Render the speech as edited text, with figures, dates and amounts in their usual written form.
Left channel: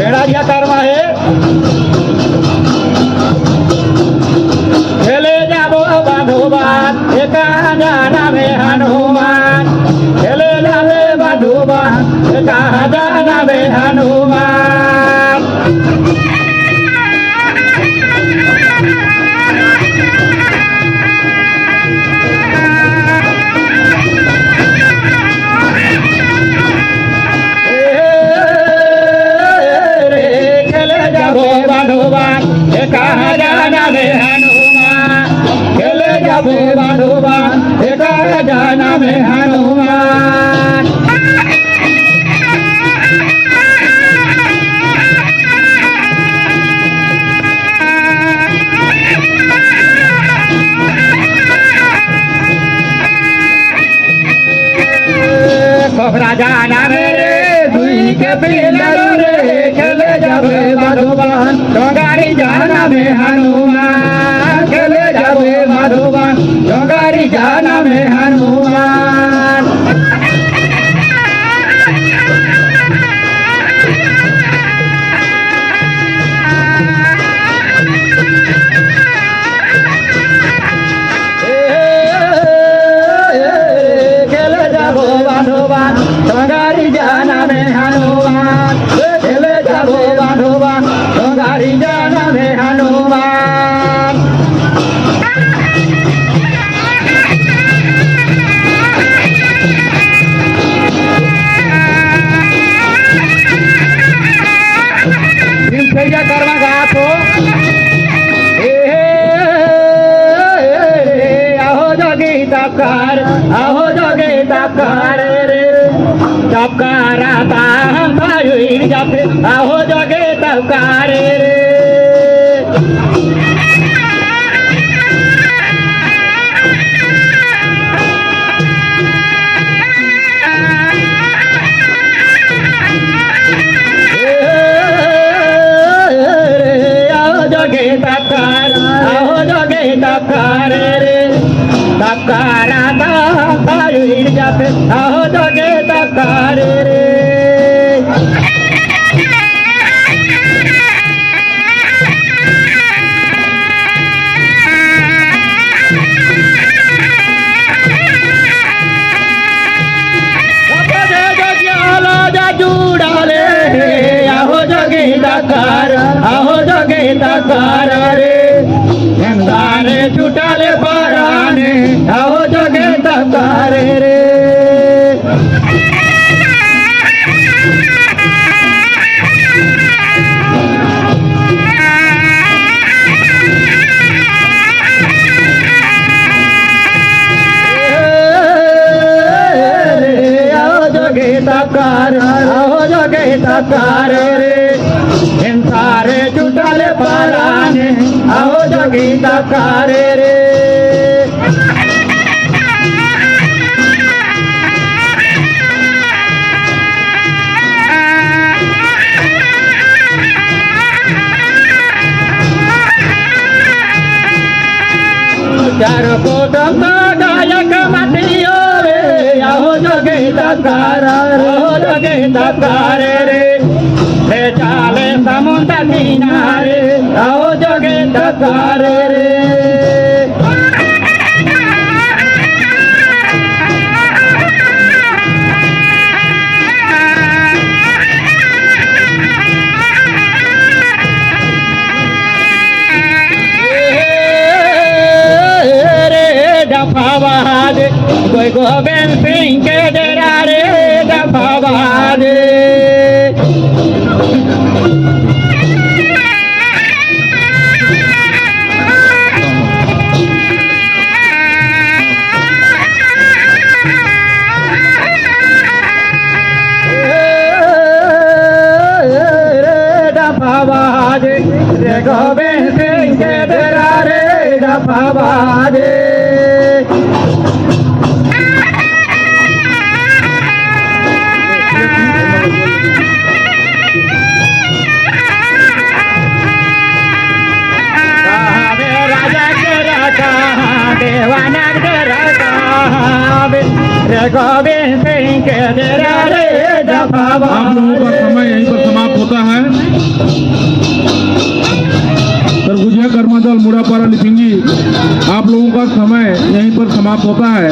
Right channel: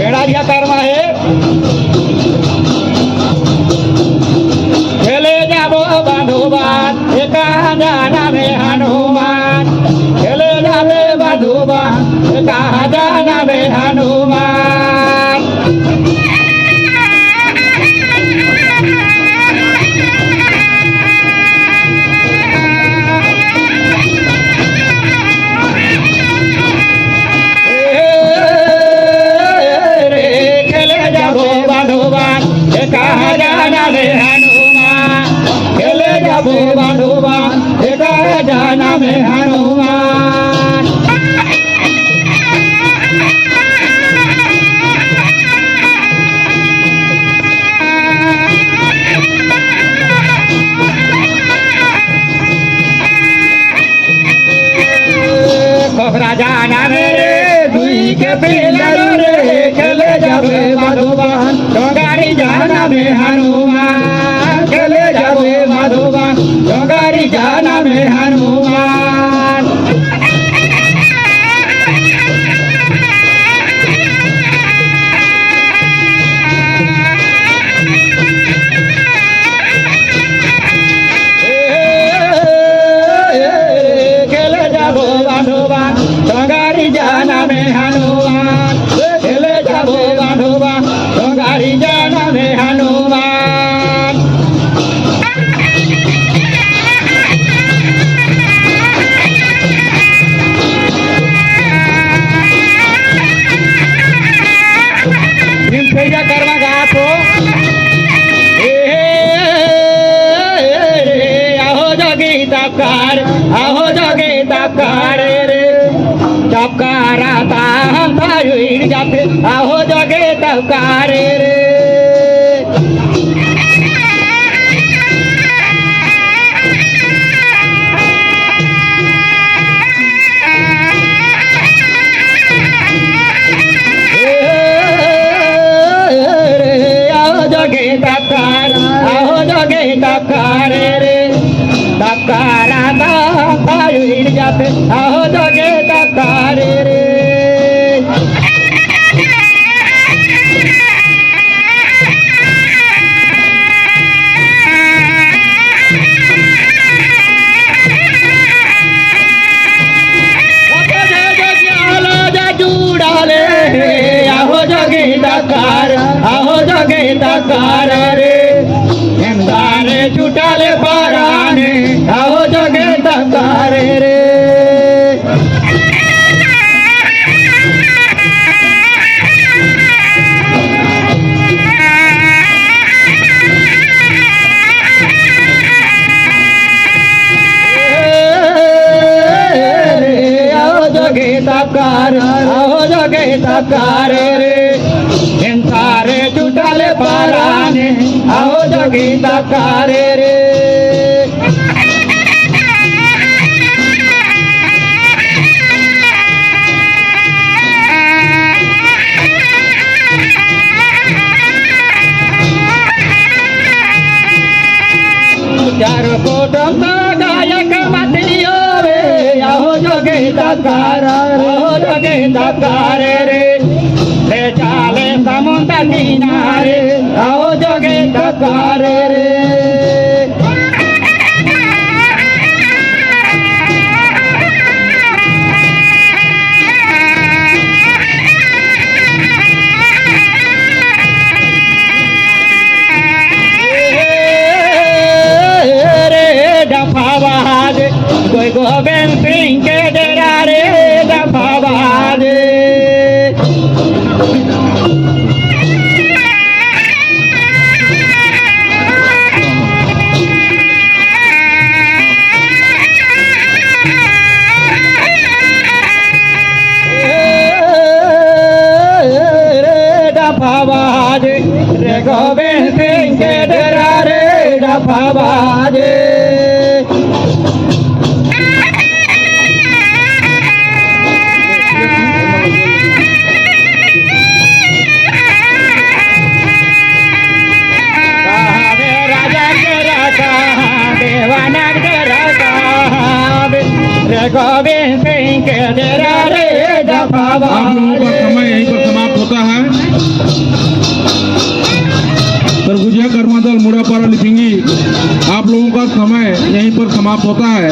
बेड़ा क्या करना है खेले जाबो बंधुबान एका जाना में हनुमान खेले जाबे बंधुबान एका जाना में हनुमान जा कर्मा गाथो आहो जोगी तपकार रे तपकारा ताम पायुर जाते आहो जोगी तपकार रे आहो जोगे तपकार रे आहो जोगे तपकार रे बंदाने छुटाले पाराने आहो जोगे तपकार रे तपकार रे सारे जुटाले पाराने आओ जोगी तपकार रे चार कोटम गायक मतियो रे आओ जोगी तपकार रे चाले समुद्र किनारे आओ जोगे तपकार रे दफाबाद कोई गोविंद सिंह के डेरा रे दफाबाद दफाबाद रे गोविंद सिंह के डेरा रे दफाबाद गोविंद सिंह के डेरा रे दफाबाद। आप लोगों का समय यहीं पर समाप्त होता है। सरगुजिया कर्मा दल मुड़ापारा लिपिंगी आप लोगों का समय यहीं पर समाप्त होता है।